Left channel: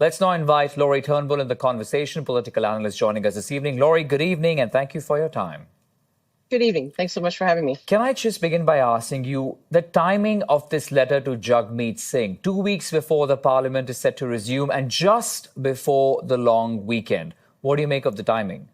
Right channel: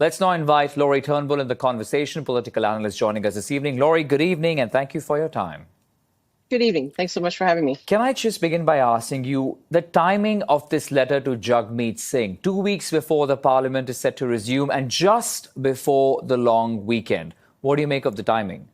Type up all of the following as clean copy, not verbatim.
Let's now invite Lori Turnbull in the conversation, political analyst joining us this evening. Lori, good evening and thank you for your time. Good evening. Thanks so much for having me. Can I just begin by asking you the timing of this letter to Jagmeet Singh, 2 weeks before the parliament is set to resume and just before the long weekend? What do you make of the timing?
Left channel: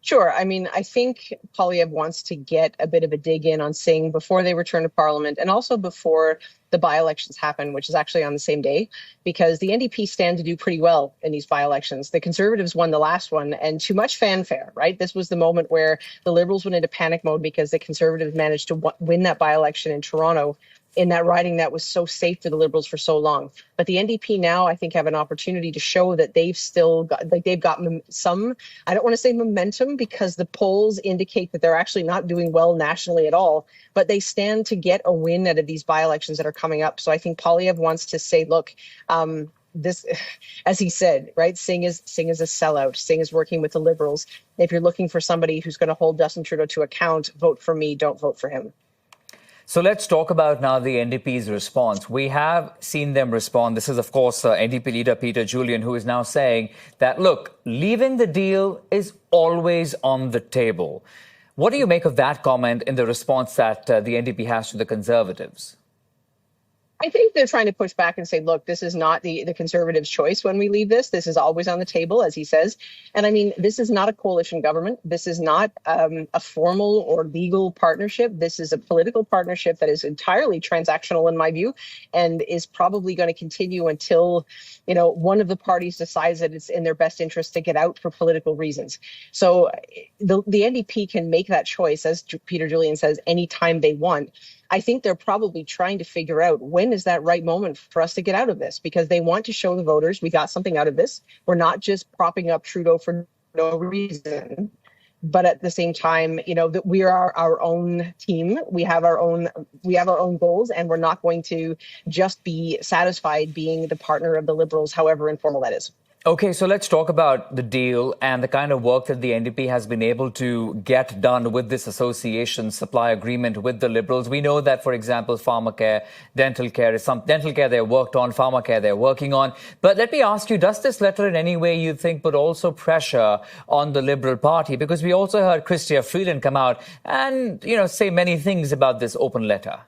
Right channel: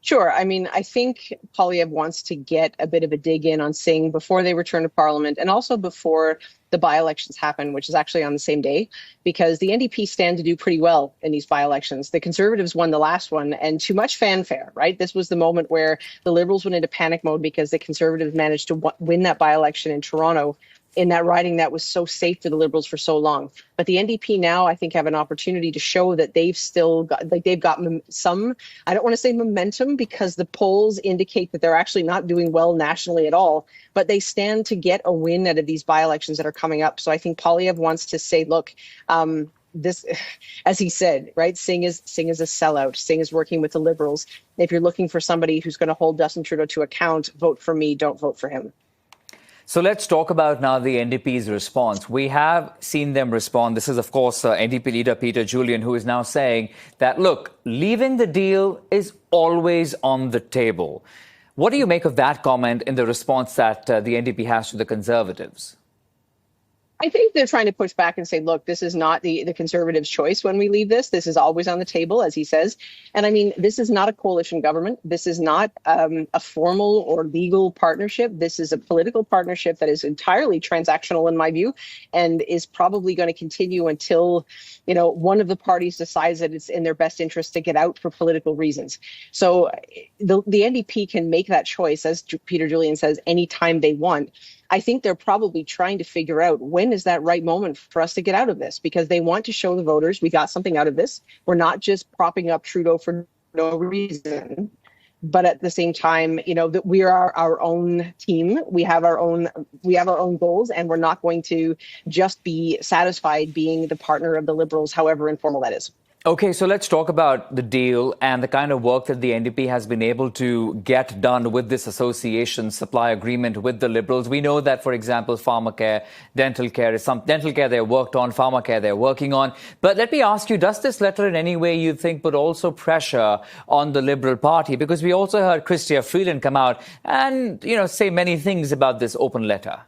Sure. I mean, I think Poilievre wants to get a bit of a dig in on Singh before they return to Parliament and also before the by-elections happen, which is actually on the same day, because the NDP stand to do pretty well in these by-elections. The Conservatives won the last one, and too much fanfare, right? This was the moment where the Liberals went into panic mode because the Conservatives managed to win that by-election in Toronto, in that riding that was so safe for the Liberals for so long. But the NDP now, I think, have an opportunity to show that they've still got, they've got some, I don't want to say momentum, because the polls indicate that they're actually not doing well nationally at all, but they stand to get a win out of these by-elections that are coming up. So I think Poilievre wants to say, look, this, as he said, right, Singh is a sellout. Singh is working with the Liberals. If you're looking for somebody who's going to hold Justin Trudeau to account, vote for me, don't vote for him. So let's talk about now the NDP's response. We have seen them respond. This is, of course, NDP leader Peter Julian, who is now saying that, look, leaving the deal is always on the table. What do you make of that comment in the response that the NDP has to the Conservatives? I think they're trying to push back and say, look, this is not the Conservatives' choice when we leave this. This is always on the table, as he says. And I mean, this is not a coalition government. This is not a formal or legal partnership. This is a political partnership that is entirely transactional, in my view, and is probably going to continue until, you know, one of the parties decides that it's in their best interest to get out for political reasons. So the NDP can make that choice, as Peter Julian says, anytime they want. I think they're probably trying to figure out when is that right moment for us to get out of this, because they want to show the voters we got something out of this. We're not just propping up Trudeau for no reason. But at the same time, you know, that we are our own team. We have our own goals, and we're not going to just be satisfied being the partner of the Liberals, however informal that is. OK, so let's talk about the deal and the kind of work that the NDP has been able to get done with this association supply agreement with the Liberals. We know that, for example, pharmacare, dental care they're worked on, pharmacare they're working on. But let me ask you, does this letter in any way, you think, put also pressure on the Liberal Party? Because we also heard Chrystia Freeland come out and, you know, say many things about this open letter.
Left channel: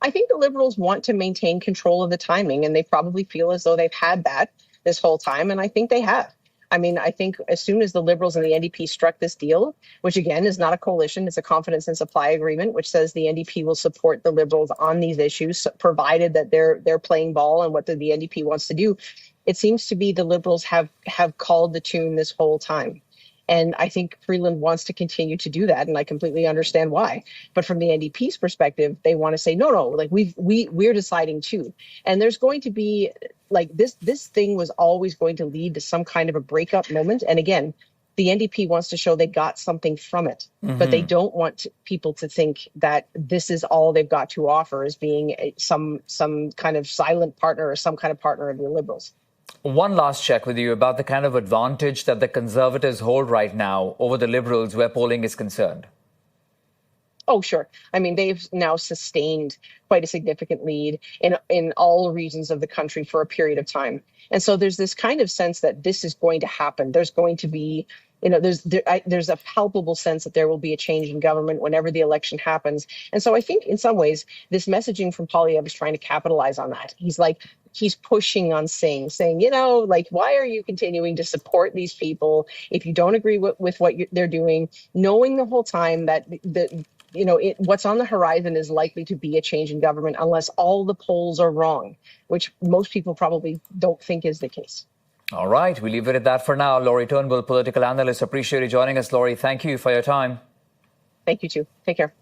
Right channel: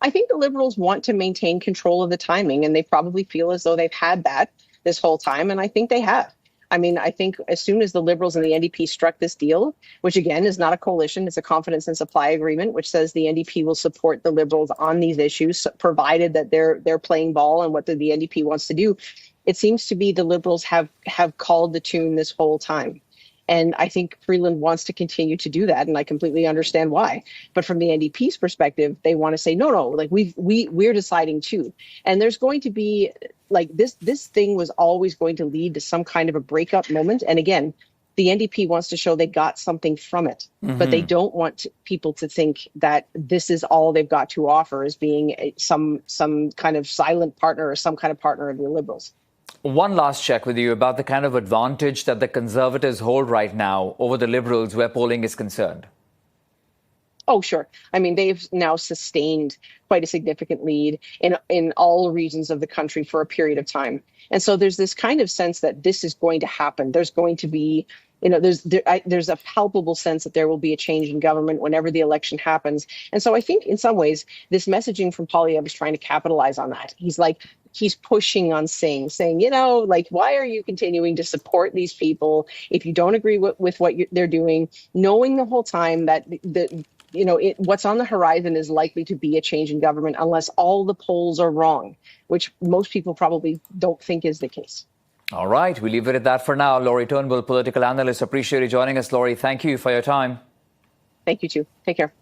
I think the Liberals want to maintain control of the timing, and they probably feel as though they've had that this whole time, and I think they have. I mean, I think as soon as the Liberals and the NDP struck this deal, which again is not a coalition, it's a confidence and supply agreement, which says the NDP will support the Liberals on these issues, provided that they're playing ball and what the NDP wants to do. It seems to be the Liberals have called the tune this whole time. And I think Freeland wants to continue to do that, and I completely understand why. But from the NDP's perspective, they want to say, no, like we're deciding too. And there's going to be like this thing was always going to lead to some kind of a breakup moment. And again, the NDP wants to show they got something from it, but they don't want people to think that this is all they've got to offer as being some kind of silent partner or some kind of partner of the Liberals. One last check with you about the kind of advantage that the Conservatives hold right now over the Liberals where polling is concerned. Oh, sure. I mean, they've now sustained quite a significant lead in all regions of the country for a period of time. And so there's this kind of sense that this is going to happen. There's going to be, you know, there's a palpable sense that there will be a change in government whenever the election happens. And so I think in some ways, this messaging from Poilievre is trying to capitalize on that. He's pushing on Singh, saying, you know, like, why are you continuing to support these people if you don't agree with what they're doing, knowing the whole time that what's on the horizon is likely to be a change in government unless all the polls are wrong, which most people probably don't think is the case. All right, we leave it at that for now. Lori Turnbull, political analyst. Appreciate you joining us, Lori. Thank you for your time. Thank you, too. Take care.